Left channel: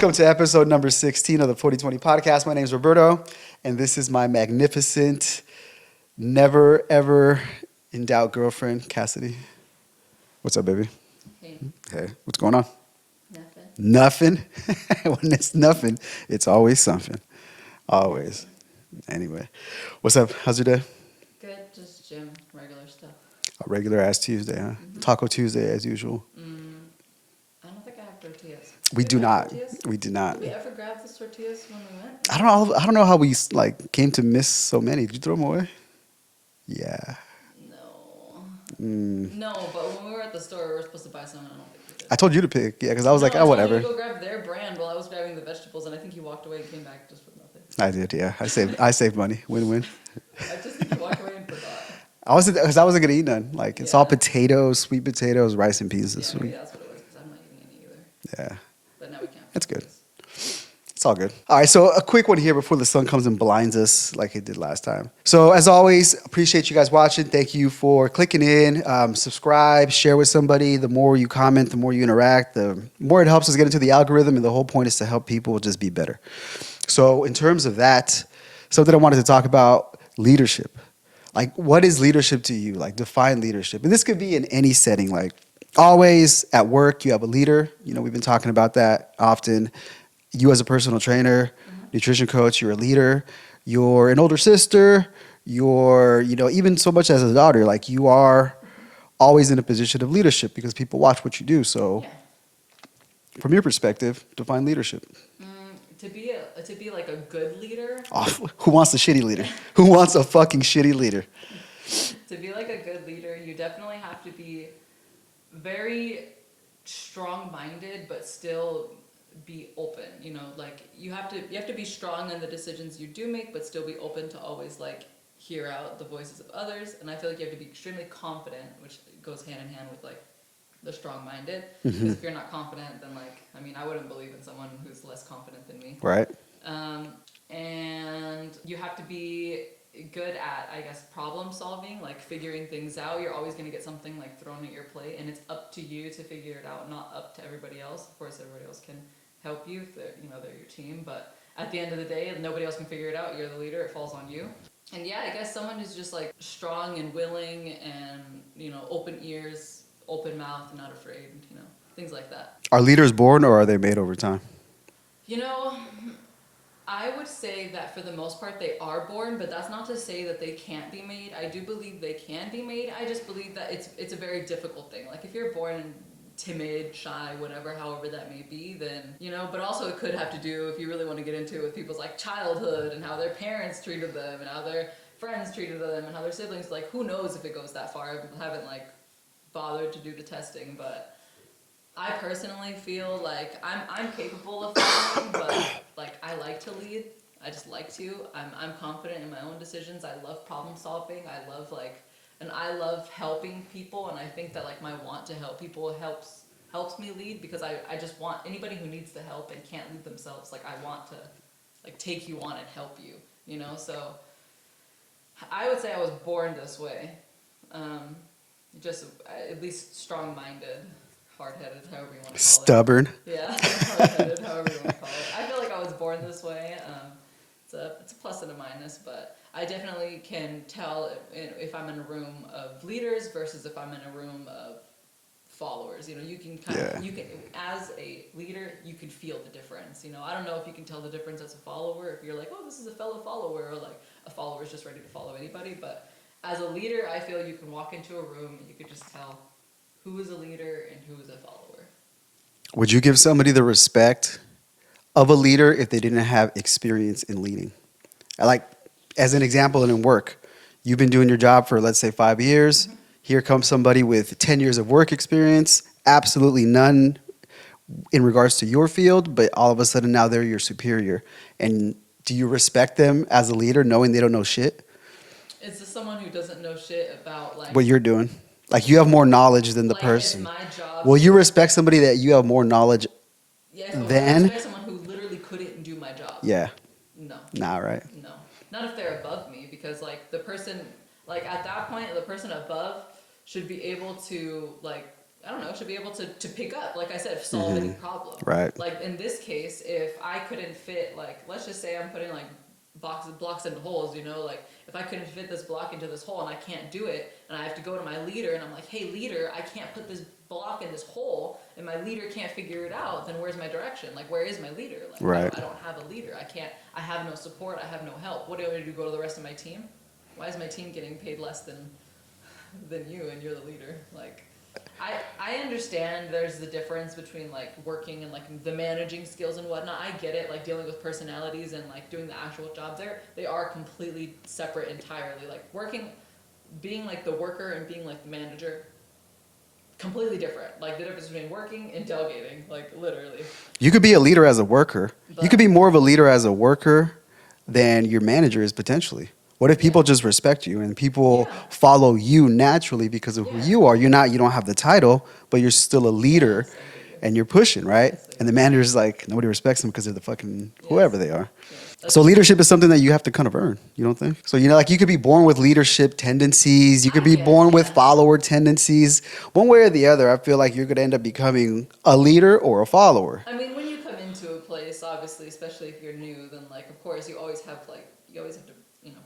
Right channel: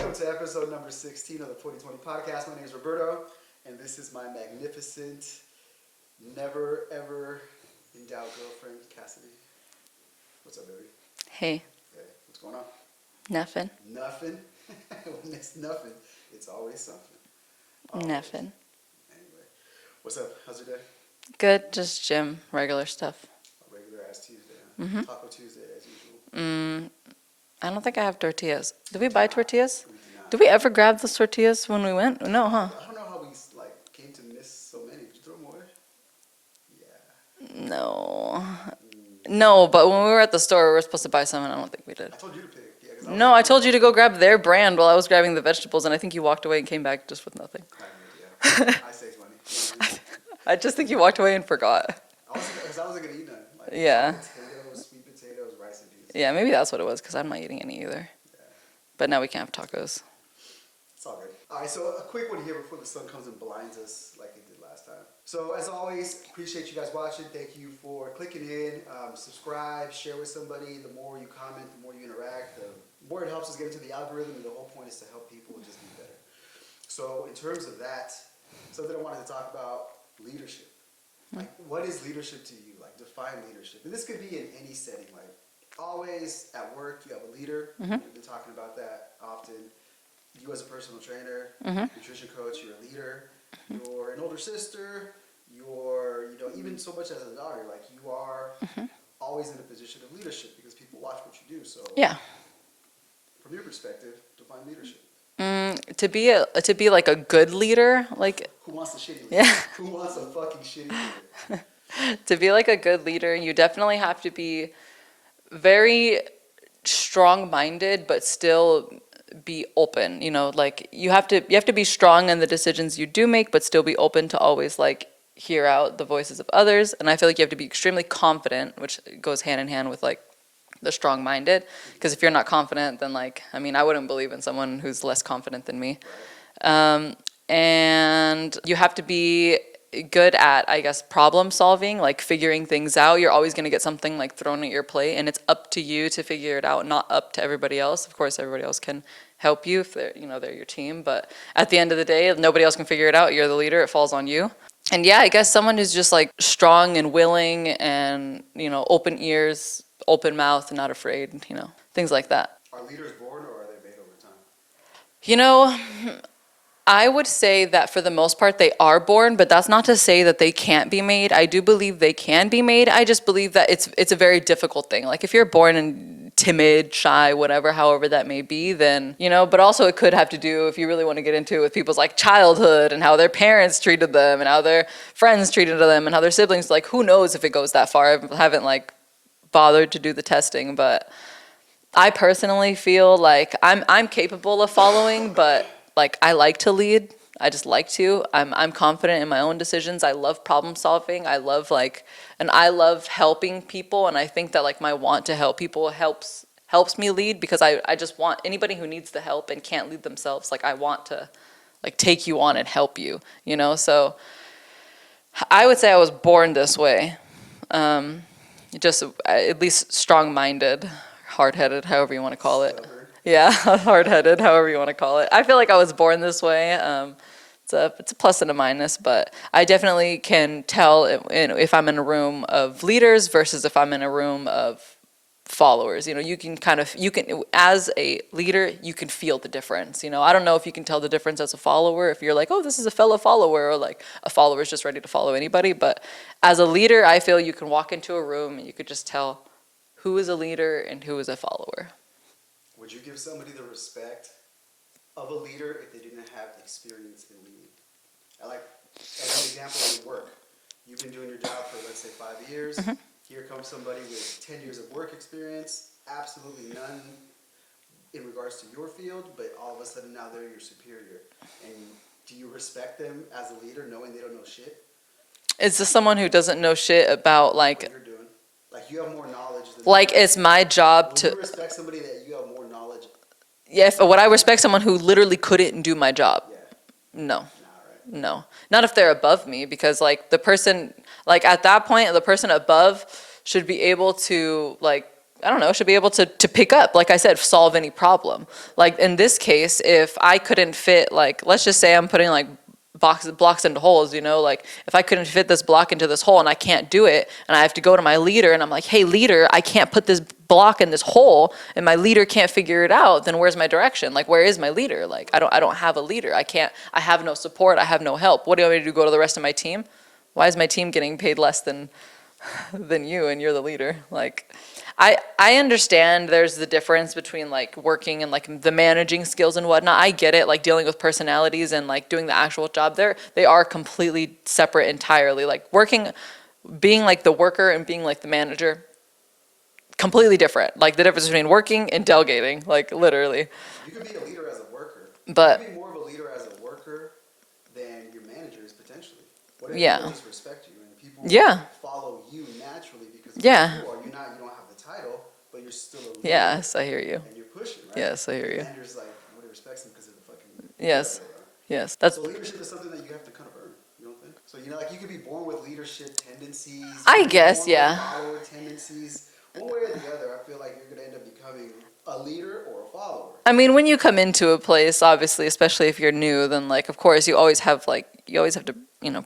Welcome to episode number 16 of the 40Twenty podcast. My name is Roberto, and this is my magnificent, never, ever in doubt girlfriend, Cassidy. What's up, baby? Hey. Hey, what's going on? Nothing. Nothing? When it's nothing, it's always something. Always. Nothing. Anyway, what's up? How's your day? Good, just gym, regular stuff. A regular ass Tuesday, huh? Mm-hmm. Taco Tuesday as usual. I don't think I have tortillas. Did We we do buy not. tortillas? We did not. Did we ever grab those tortillas when we went? I don't know how we came to miss so many. Did you throw them away? Yeah. No. No, but when we were at the store, we were supposed to buy some, and I don't think we did. I told you to pick. Yeah, because I was No, like, I told you to whatever. go grab their brand while I was grabbing the vegetables, and I think you walked away and came back just with nothing. I did, yeah. I saved money. Win-win. I just think you walked away and forgot. Because I wasn't going to eat none. Like, it's all Yeah. potatoes, sweet potatoes, rice and peas. Yeah, maybe that's what it was, because I'm not eating any either. Yeah. But now we can't have That's good. tacos. It's all good. All right, so a quick one here before the sun comes and blinds us like it did last time. So as always, appreciate you guys watching. Thank you for clicking in. Subscribe, share with somebody. The more you comment, the more you interact, the more it helps us get into the algorithm. And the whole point is to help people just be better. So in terms of that, something I wanted to talk about, leadership. Like, what is leadership to you? Like, define leadership. And this could be in any setting. Like, always at work, you have a leader. You know, we've been talking about that often. You as a personal trainer, nutrition coach, you're a leader. You're an older sister. You're, even so much as a daughter, like you are always in a position of leadership because people watch what you do. So Yeah. from your perspective, define leadership. To be like a good leader, like Who wants a shitty leader? Who wants a fucking shitty leader? to be like a good leader, you definitely have to be very strong-minded, but still be open. Like you have to be strong in the decisions you do make, but still be open to always like hear out the voices of others. And I feel like you have to be extremely confident, which goes hand in hand with like the strong-minded. Because if you're not confident, then I wouldn't believe in someone who's less confident than me. Right. And you have to be good at, I guess, problem solving, like figuring things out. You're always going to get something like thrown at your plate, and it's up to you to figure it out, not up to everybody else. Of course, everybody else can help you if they're your team, but at the end of the day, nobody else can figure it out. You're the leader. It falls on you. And yeah, I guess someone who's just like strong and willing and, open ears, open mouth, not afraid, things like that. Are leaders born or are they made over time? I would say that for the most part they are born, but that's not to say that they can't be made. I do believe they can be made. I just believe that it's a very difficult thing. Like if you're born and timid, shy, whatever, however that may be, then, but also it could have to do, if you really want to get into it, with people's like childhood and how their parents treated them and how their friends treated them and how their siblings, like who knows if it goes that far. I haven't like bothered to do the testing, but I personally feel like I'm capable of following, but like I like to lead. I just like to. I'm confident in my own decisions. I love problem solving. I love helping people, and I think that like my want to help people helps me lead, because I just want anybody who needs the help and can't lead themselves, like I want to like take you on and help you, So I would say I was born this way. Just at least strong-minded, hard-headed, however you want to call it. Stubborn. Yeah, hard-headed, however you want to call it. I feel like I was born this way. It's a plus and a minus, but I definitely can tell if I'm in a room of leaders versus if I'm in a room of followers. You can as a leader, you can feel the difference. I don't know if you can tell the difference as a follower, if you're like, oh, this is a fellow follower, or like a follower is just ready to follow anybody. But as a leader, I feel you can walk into a room and you could just tell who is a leader and who is a follower. Would you give somebody the respect of a leader if they didn't have experience in leading? Like, as an example, in work, you've been doing your job for, let's say, 5 years. Here comes somebody with 10 years of work experience, absolutely none in regards to your field, but all of a sudden now they're your superior. And do you respect them as a leader knowing they don't know shit? Is this someone who doesn't know shit about like what you're doing? Like you have more knowledge than the person. Like it's my job Will you respect somebody that you have more knowledge? Yeah, would I respect someone who literally couldn't do my job? Yeah. No. Nah, right? No. Not if they're above me, because like the person, like at that point, the person above should be able to like I don't know, should be able to pick up, like I said, solve any problem. Right. Like in this case, if I couldn't fit, like, let's just say I'm putting like blocks into holes, you know, like if I couldn't fit this block into this hole and I can't do it, and I have to go to my leader and I'm like, hey leader, I can't put this block in this hole, and my leader can't figure it out, then where's my direction? Like, where is my leader? Like, Right. I don't have a leader. I have no support. I have no help. What do you want me to do? Go to the rest of my team? Why is my team getting paid less than you and you're the leader? Like, I understand there's the difference between like working and like the managing skills and whatnot. I get it, like dealing with personalities and like doing the actual job there. They are completely separate entirely. Like being like the worker and being like the manager, completely different. Like the difference between working and delegating, like literally. You could be a leader as a worker. You But- could be more of a leader as a worker than your manager is potentially. What if people Yeah. just respect you and people Yeah. follow you naturally because of Yeah. who you are? You don't have the title, but you're still a leader. Yes, I hear you. And you're pushing, right? Yes, I hear and the you. manager's like, nobody respects them because they're the fucking Yes. whoever they are. Yes, that's So leadership is something that you have to kind of earn, you don't think? So, like you could be born with leadership tendencies. You I could be guess, born with yeah. follower tendencies. One way or the other, I feel like you're going to end up becoming a leader or a follower. I mean, when you come into a place, obviously, especially if you're new, then like, of course, you always have to,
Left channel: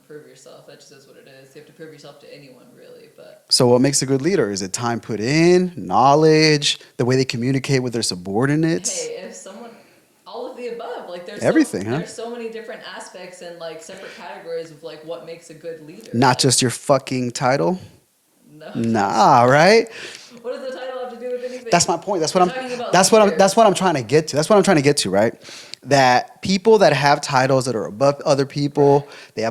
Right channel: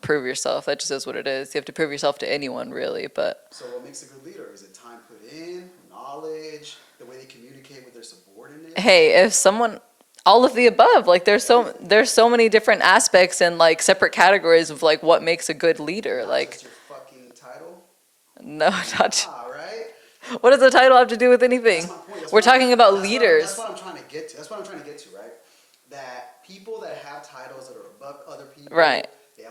prove yourself. That just is what it is. You have to prove yourself to anyone, really. But So what makes a good leader? Is it time put in, knowledge, the way they communicate with their subordinates? hey, if someone, all of the above, like Everything, huh? there's so many different aspects and like separate categories of like what makes a good leader. Not like, just your fucking title? no. Nah, right? What does the title have to do with anything? That's my point. We're talking about that's leaders. That's what I'm trying to get to. That's what I'm trying to get to, right? That people that have titles that are above other people, Right. they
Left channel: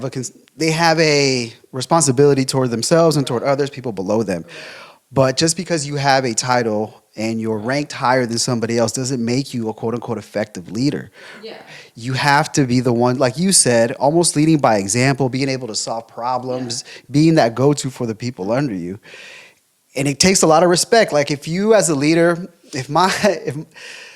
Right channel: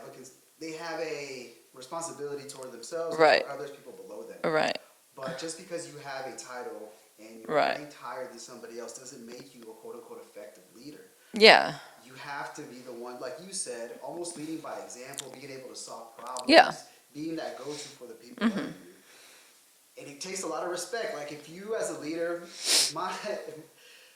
have a responsibility toward themselves and toward Right. others, people below them. Right. But just because you have a title and you're Right. ranked higher than somebody else doesn't make you a quote unquote effective leader. Yeah. You have to be the one, like you said, almost leading by example, being able to solve problems, being that go-to for the people under you. And it takes a lot of respect. Like if you as a leader,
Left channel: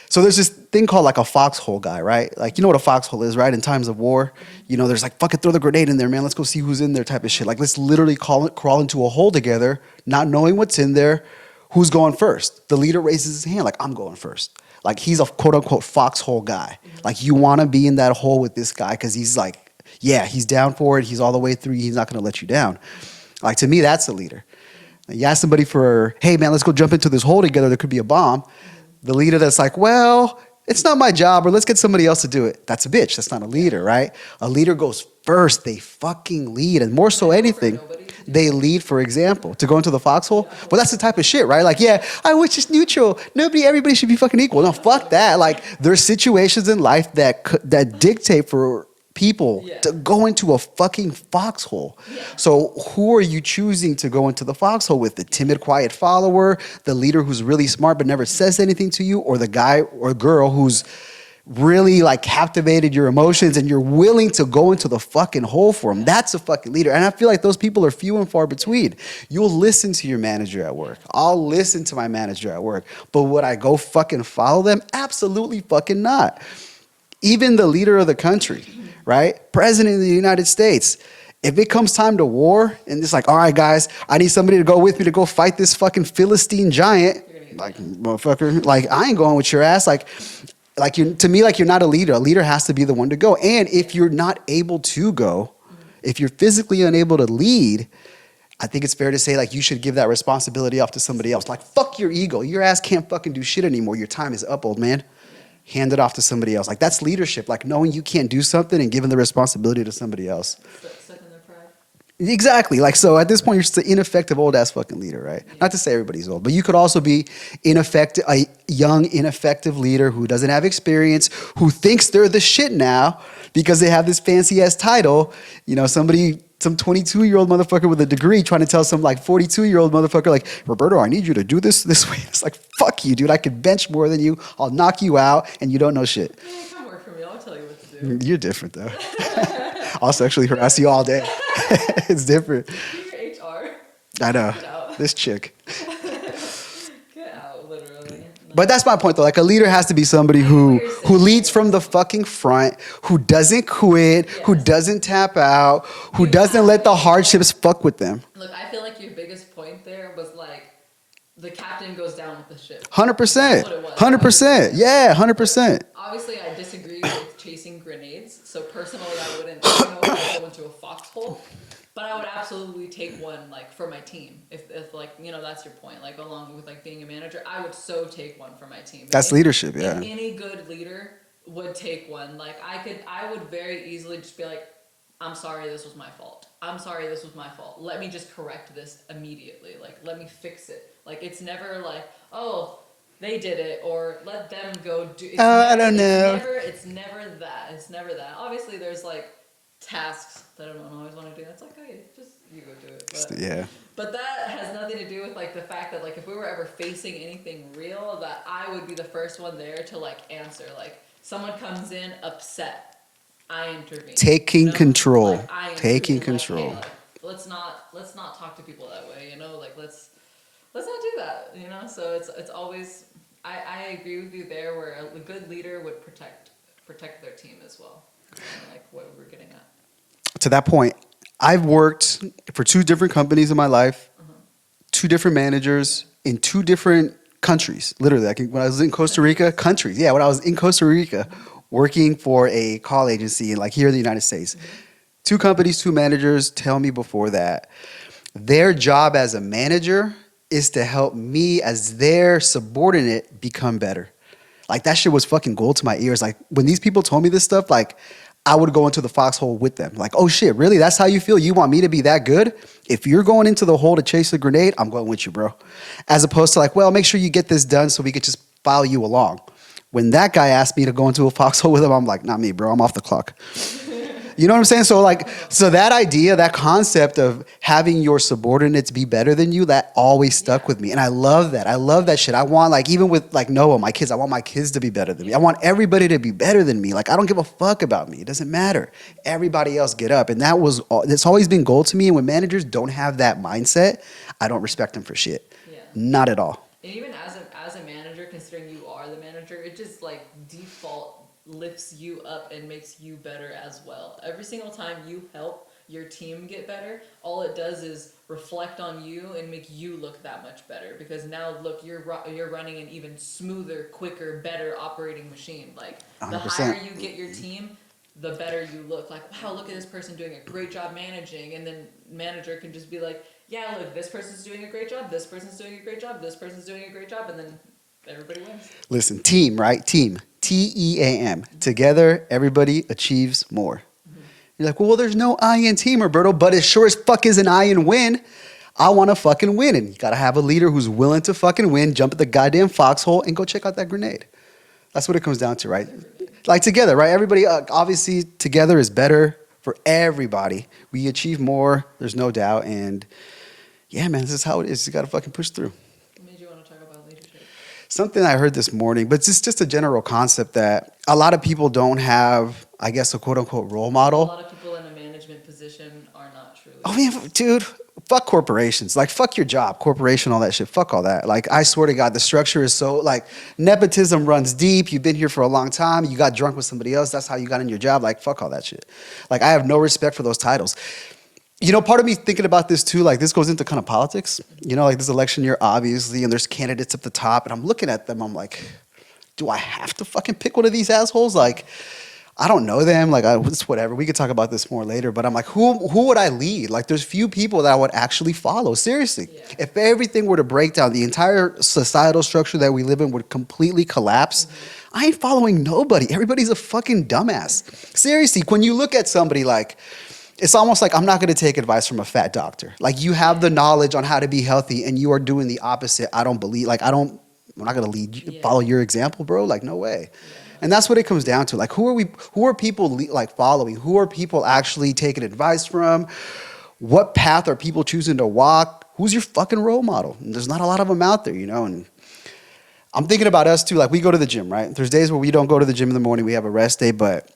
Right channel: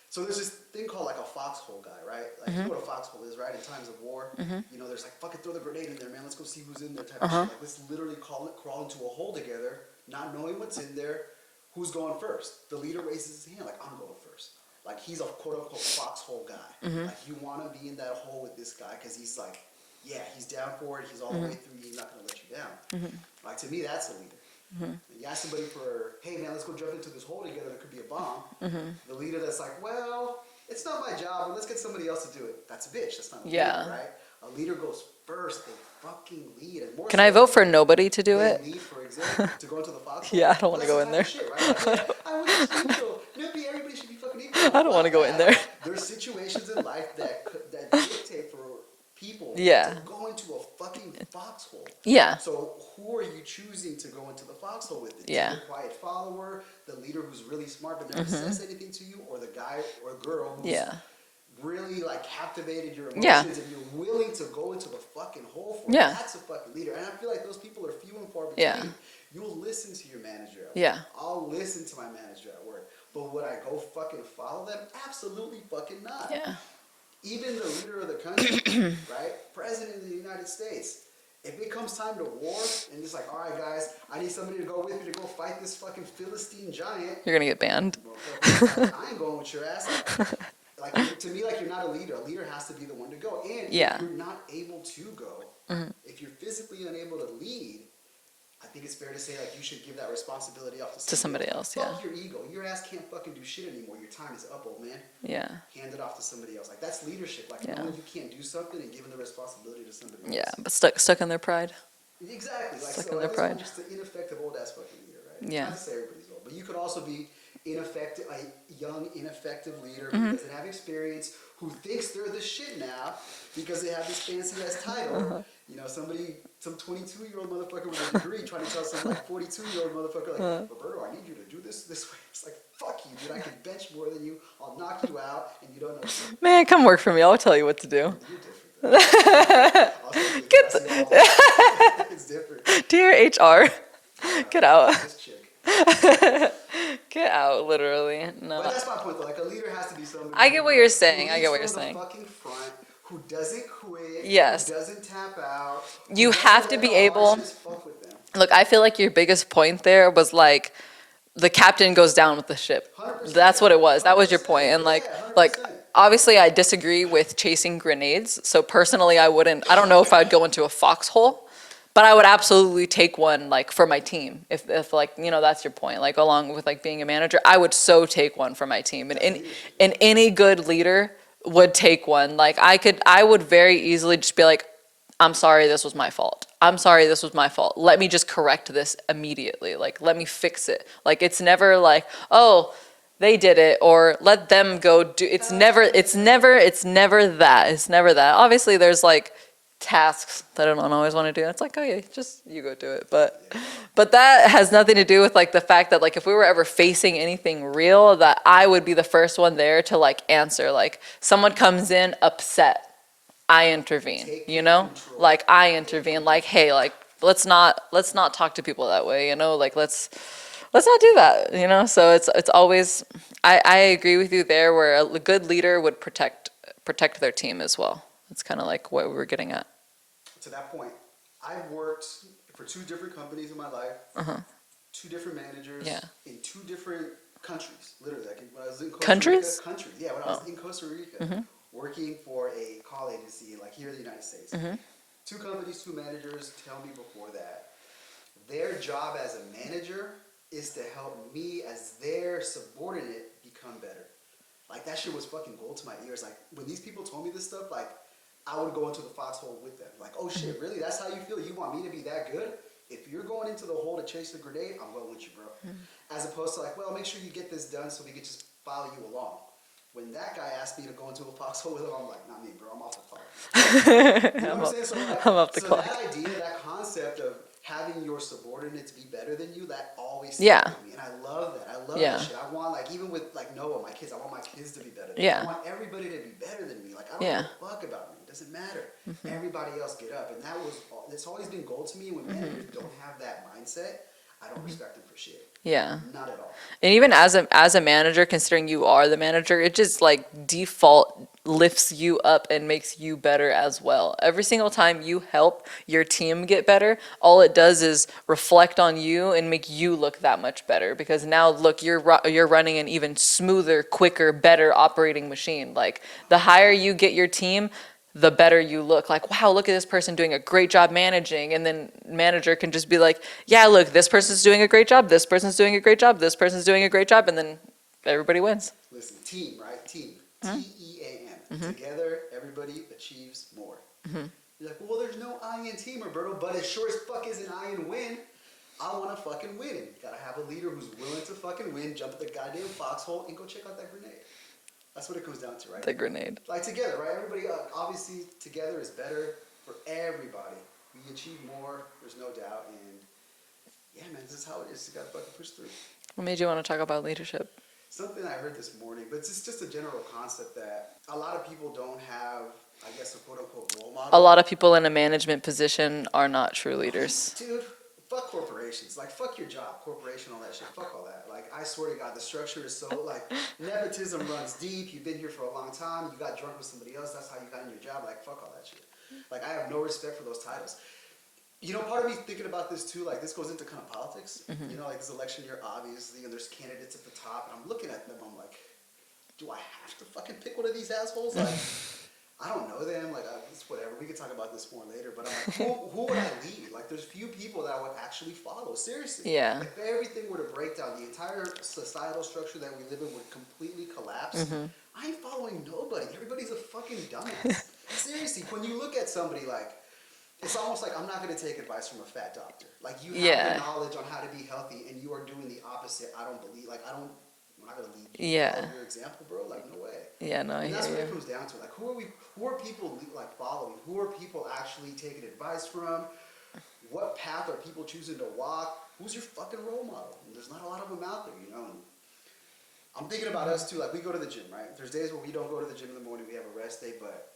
so there's this thing called like a foxhole guy, right? Like you know what a foxhole is, right? In times of war, there's like, fucking throw the grenade in there, man. Let's go see who's in there type of shit. Like let's literally crawl into a hole together, not knowing what's in there. Who's going first? The leader raises his hand like, I'm going first. Like he's a quote unquote foxhole guy. Like you want to be in that hole with this guy because he's like, yeah, he's down for it. He's all the way through. He's not going to let you down. Like to me, that's a leader. You ask somebody for, hey man, let's go jump into this hole together. There could be a bomb. The leader that's like, well, it's not my job, or let's get somebody else to do it. That's a bitch. That's not a leader, right? A leader goes first. They fucking lead, and more Can so I vote anything. for nobody to do they it? lead, for example, to go into the foxhole. Yeah, I don't Well, that's the wanna go in type of shit, right? Like, yeah, I was just neutral. Everybody should be fucking equal. No, don't wanna fuck go that. in there. Like, there's situations in life that dictate for people Yeah. to go into a fucking foxhole. Yeah. So who are you choosing to go into the foxhole with? The Yeah. timid, quiet follower, the leader who's really smart but never says anything to you, or the guy or girl who's Yeah. really like captivated your emotions and you're willing to go into the fucking hole for them? Yeah. That's a fucking leader. And I feel like those people are few and far between. You'll listen to your manager at work. Yeah. I'll listen to my manager at work. But would I go fucking follow them? Absolutely fucking not. Yeah. Even the leader of the country, right? President of the United States. If it comes time to war and it's like, all right, guys, I need somebody to go with me to go fight this fucking Philistine giant. You're gonna get banned. Motherfucker, like, I ain't going with your ass. To me, you're not a leader. A leader has to be the one to go. And if you're not able to go, if you're physically unable to lead, I think it's fair to say like you should give that responsibility off to somebody else. Like, fuck your ego. Your ass can't fucking do shit anymore. Your time is up, old man. Yeah. Hand it off to somebody else. Like that's leadership. Like knowing you can't do something and giving the responsibility to somebody else. Yeah, but stuck in their pride. Exactly. Like so at this Right. point you're just an ineffective old ass fucking leader, right? Yeah. Not to say everybody's old, but you could also be a young, ineffective leader who doesn't have experience, who thinks they're the shit now because they have this fancy ass title. Some 22-year-old motherfucker with a degree trying to tell some like 42-year-old motherfucker like, Roberto, I need you to do this way. It's like, fuck you, dude. I could bench more than you. I'll knock you out and you don't know shit. Man, come work for me. I'll tell you what to do. You're different though. I'll sexually harass you all day. It's different. Dear HR, I know. get out. This chick. Get out, literally. No. But that's my point, though. Like, a leader has to be somebody I get who what you're saying. I leads get what from you're the saying. fucking front, who doesn't quit, who Yes. doesn't tap out, who You have doesn't to let be the able- hardships fuck with them. Look, I feel like your biggest point there was like the captain goes down with the ship. 100%. That's what it was. 100%. That was your point. And yeah, 100%. Like, obviously, I disagree with chasing grenades. So personally, I don't know if I'd go into a foxhole, but I would absolutely take one like for my team. If like, you know, that's your point. Like along with like being a manager, I would so take one for my team. That's leadership. Yeah. And any good leader would take one. Like I would very easily just be like, I'm sorry, this was my fault. I'm sorry, this was my fault. Let me just correct this immediately. Like, let me fix it. Like, it's never like, oh, they did it, or let them go do. It's never that. It's never that. Obviously, there's like tasks that I don't always want to do. It's like, oh yeah, just you go do it. But that has nothing to do with like the fact that like if we were ever facing anything real, that I would be the first one there to like answer. Like someone comes in upset. I intervene. Taking control. Like I intervene. Like, hey, like let's not talk to people that way. You know, like let's not do that. You know, so it's always. I agree with you there, where a good leader would protect their team as well. It's kind of like what we were getting at. To that point, I've worked for 2 different companies in my life, 2 different managers in 2 different countries. Literally, like when I was in Costa Rica, countries. Yeah, when I was in Costa Rica. Working for a call agency like here in the United States. 2 companies, 2 managers tell me before that their job as a manager is to help me as their subordinate become better. Like that shit was fucking gold to my ears. Like when these people told me this stuff, like I would go into the foxhole with them. Like, oh shit, really? That's how you feel? You want me to be that good? If you're going into the hole to chase a grenade, I'm going with you, bro. As opposed to like, well, make sure you get this done so we could just follow you along. When that guy asked me to go into a foxhole with him, I'm like, not me, bro. I'm off the clock. You know what I'm saying? So like, that idea, that concept of having your subordinates be better than you, that always stuck with me. And I love that. I love that shit. I want like, even with like Noah, my kids, I want my kids to be better than me. I want everybody to be better than me. Like, I don't give a fuck about me. It doesn't matter. Everybody else get up. And it's always been gold to me. And when managers don't have that mindset, I don't respect them for shit. Yeah. Not at all. And even as a manager, considering you are the manager, it just like default lifts you up and makes you better as well. Every single time you help your team get better, all it does is reflect on you and make you look that much better, because now look, you're running an even smoother, quicker, better operating machine. Like 100%. The higher you get your team, the better you look. Like, wow, look at this person doing a great job managing. And then manager can just be like, yeah, look, this person's doing a great job. This person's doing a great job. This person's doing a great job. And then everybody wins. Listen, team, right? Team. T-E-A-M. Together, everybody achieves more. You're like, well, there's no I in team, Roberto, but it sure as fuck is an I in win. I want to fucking win. And you got to have a leader who's willing to fucking win, jump at the goddamn foxhole, and go check out that grenade. That's what it comes down to, right? The grenade. Like together, right? Everybody, obviously, together is better for everybody. We achieve more, there's no doubt. And yeah, man, this is how it is. You got to fucking push through. What made you want to talk about leadership? Something I heard this morning, but it's just a general concept that a lot of people don't have, I guess, a quote unquote role model. A lot of people in a management position are not true leaders. I mean, dude, fuck corporations. Like, fuck your job, corporation, all that shit. Fuck all that. Like, I swear to God, the structure is so, like, nepotism runs deep. You've been here for a long time. You got drunk with somebody else. That's how you got in your job. Like, fuck all that shit. Like, I have no respect for those titles. You know, part of me thinking about this too, like this goes into kind of politics. You know, like this election year, obviously, and there's candidates at the top, and I'm looking at them, I'm like, do I have to fucking pick one of these assholes? Like, I don't know them. Like, it's whatever. We could talk about this more later, but I'm like, who would I lead? Like, there's few people that I would actually follow. Seriously. Yeah. If everything were to break down, the entire societal structure that we live in would completely collapse. I ain't following nobody. Everybody's a fucking dumbass. Seriously, when you look at somebody like, it's almost like I'm not going to take advice from a fat doctor. Like, you have the knowledge on how to be healthy and you are doing the opposite. I don't believe, like, I'm not going to lead you, follow your example, bro. Like, no way. Yeah, no. And that's what it comes down to. Like, who are people like following? Who are people actually taking advice from? What path are people choosing to walk? Who's your fucking role model? And there's not a lot of them out there, you know? And I'm thinking about us too. Like, we go to the gym, right? There's days where we don't go to the gym in the morning. We have a rest day, but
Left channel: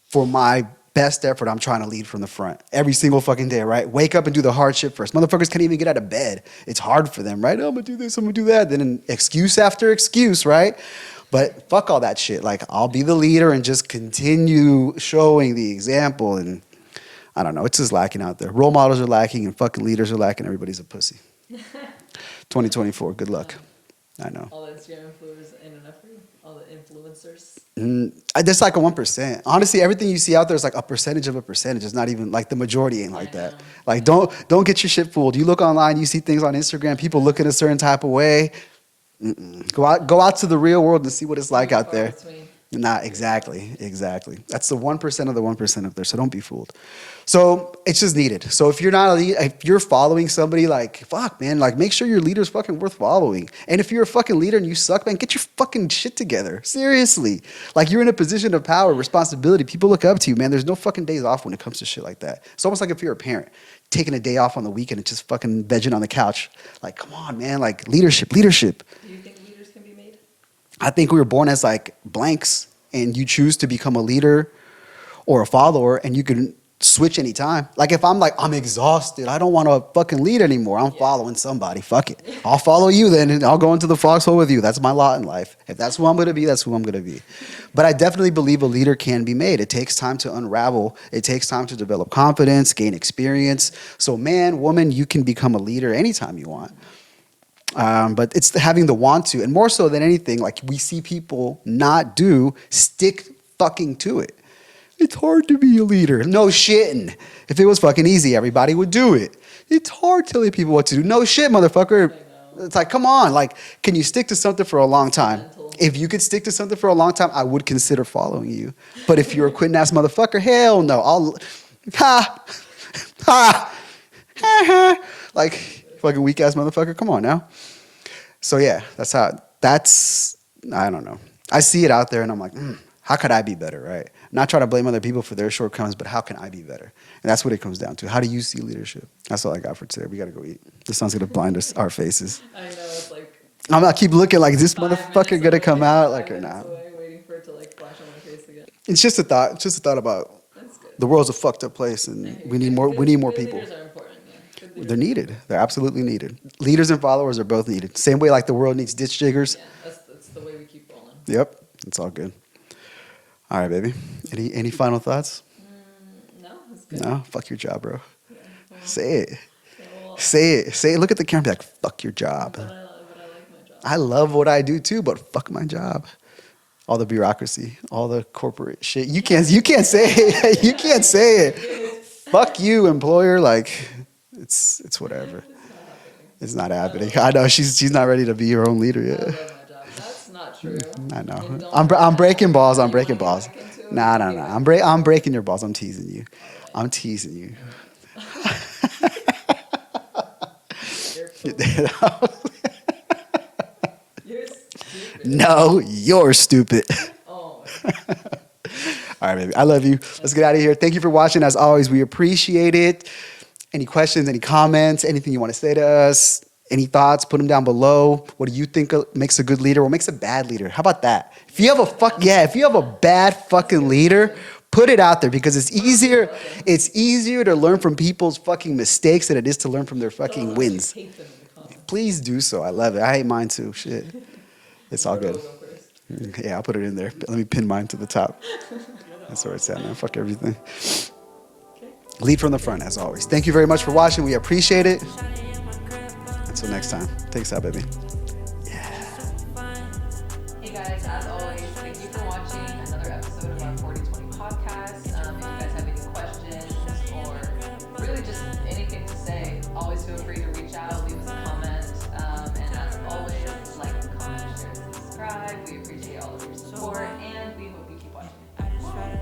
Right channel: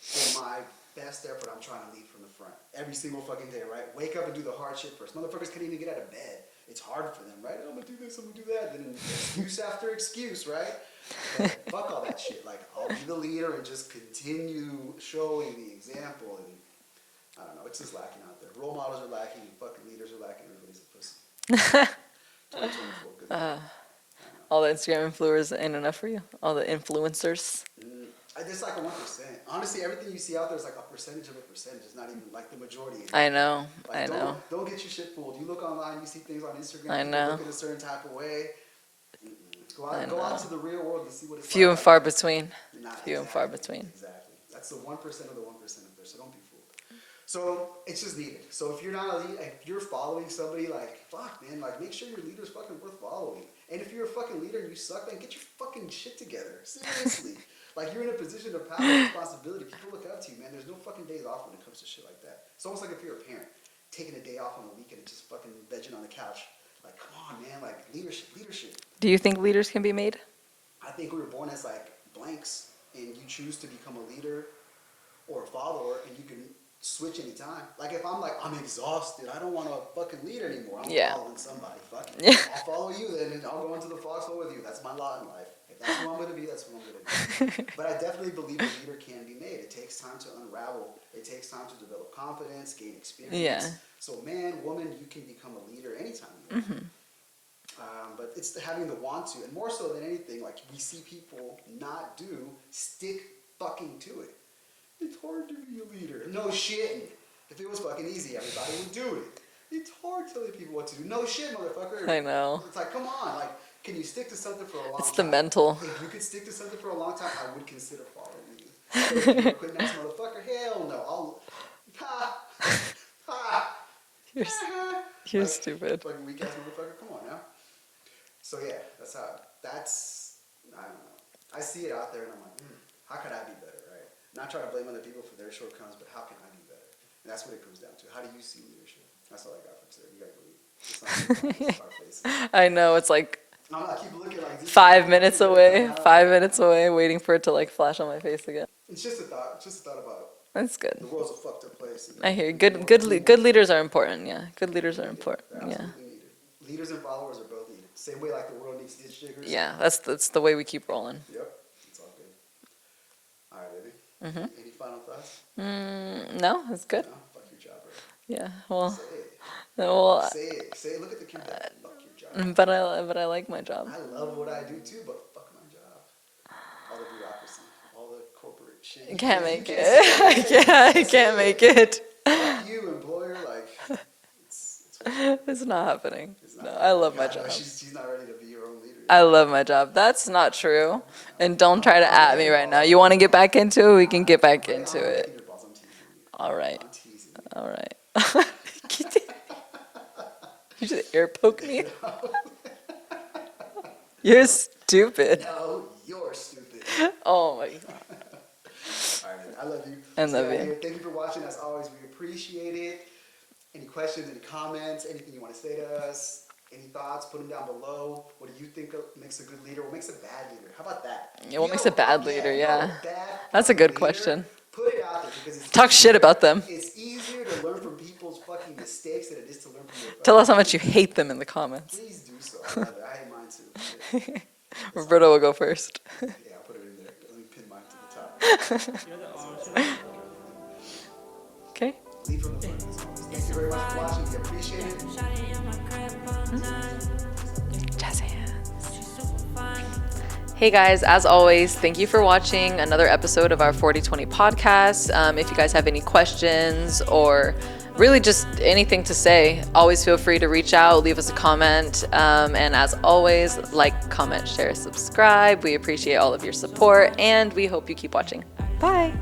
for my best effort, I'm trying to lead from the front every single fucking day, right? Wake up and do the hard shit first. Motherfuckers can't even get out of bed. It's hard for them, right? Oh, I'm gonna do this, I'm gonna do that. Then an excuse after excuse, right? But fuck all that shit. Like, I'll be the leader and just continue showing the example. And I don't know, it's just lacking out there. Role models are lacking and fucking leaders are lacking. Everybody's a pussy. 2024. Good luck. I know. All the Instagram influencers ain't enough for you. All the influencers. There's like a 1%. Honestly, everything you see out there is like a percentage of a percentage. It's not even like the majority ain't like I know. that. Like I know. don't get your shit fooled. You look online, you see things on Instagram, people know. looking a certain type of way. Go out to the real world and see what it's like Few and out far there. between. Nah, Few and exactly, far between. exactly. That's the 1% of the 1% up there. So don't be fooled. So it's just needed. So if you're not a lead, if you're following somebody, like fuck, man, like make sure your leader's fucking worth following. And if you're a fucking leader and you suck, man, get your fucking shit together. Seriously, like you're in a position of power, responsibility. People look up to you, man. There's no fucking days off when it comes to shit like that. It's almost like if you're a parent taking a day off on the weekend and just fucking vegging on the couch. Like, come on, man. Like leadership. Do you think leaders can be made? I think we were born as like blanks, and you choose to become a leader or a follower, and you can switch anytime. Like if I'm like, I'm exhausted, I don't want to fucking lead anymore. I'm following somebody. Fuck it. I'll follow you then, and I'll go into the foxhole with you. That's my lot in life. If that's who I'm going to be, that's who I'm going to be. But I definitely believe a leader can be made. It takes time to unravel. It takes time to develop confidence, gain experience. Yeah. So man, woman, you can become a leader anytime you want. But it's having the want to, and more so than anything, like we see people not do, stick fucking to it. It's hard to be a leader. No shitting. If it was fucking easy, everybody would do it. It's hard telling people what to do. No shit, motherfucker. I know. It's like, come on. Like, can you stick to something for a long It's time? mental. If you could stick to something for a long time, I would consider following you. But if you're a quitting ass motherfucker, hell no. Like, stupid. fucking weak ass motherfucker. Come on now. So yeah, I don't know. I see it out there and I'm like, how could I be better, right? Not trying to blame other people for their shortcomings, but how can I be better? And that's what it comes down to. How do you see leadership? That's all I got for today. We got to go eat. The sun's going to blind us, our faces. I know. It's like I'm going to keep looking like, is this 5 motherfucker minutes going to away. come out? 5 Okay, minutes nah. away, waiting for it to like flash on my face again. It's just a thought. It's just a thought about That's good. the world's a fucked up place. And I hear you. we Good, need more, good, we need more good people. leaders are important. Yeah, good leaders. They're are needed. important. They're absolutely needed. Leaders and followers are both needed. Same way like the world needs ditch diggers. Yeah, that's the way we keep rolling. Yep. It's all good. All right, baby. Any final thoughts? No, it's good. No? Fuck your job, bro. Yeah. Well, Say it. well, Say it. Say it. Look at the camera and be like, fuck your job. but I like my job. I love what I do too, but fuck my job. All the bureaucracy, all the corporate shit. You can't say it. You can't say make it. it. Fuck you, employer. Like, it's whatever. It's not happening. It's not I happening. love I know she's not ready to be her own leader yet. I love my job. That's not true. I know. And don't I'm try to I'm at breaking me balls. right now. I'm You want to breaking get balls. back into it? We can get back into I'm it. breaking your balls. I'm teasing you. All right. I'm teasing you. All right. You're poopy. You're stupid. No, you're stupid. Oh my God. All right, baby. I love you. Let's love get out of you. here. Thank you for watching. As always, we appreciate it. Any questions, any comments, anything you want to say to us, any thoughts, put them down below. What do you think makes a good leader? What makes a bad leader? How about that? Yeah, If you have what a makes a bad fuck, yeah, leader, if you have yeah. a bad That's a fucking good leader, question. put it out there because it's Talk easier. shit about them. It's easier to learn from people's fucking mistakes than it is to learn from their fucking Tell us how much you wins. hate them in the comments. Please do so. I love it. I hate mine too. Shit. It's all Roberto will good. go first. Yeah, I'll put it in there. Let me pin mine to the top. That's where it's at. Man. Fuck everything. Okay. Lead from the front, as always. Thank you very much for watching. We appreciate it. Until next time. Thanks out, baby. Hey guys, as always, thank you for watching another episode of our 40Twenty podcast. If you guys have any questions or really just anything to say, always feel free to reach out, leave us a comment. And as always, like, comment, share, subscribe. We appreciate all of your support and we hope you keep watching. Bye.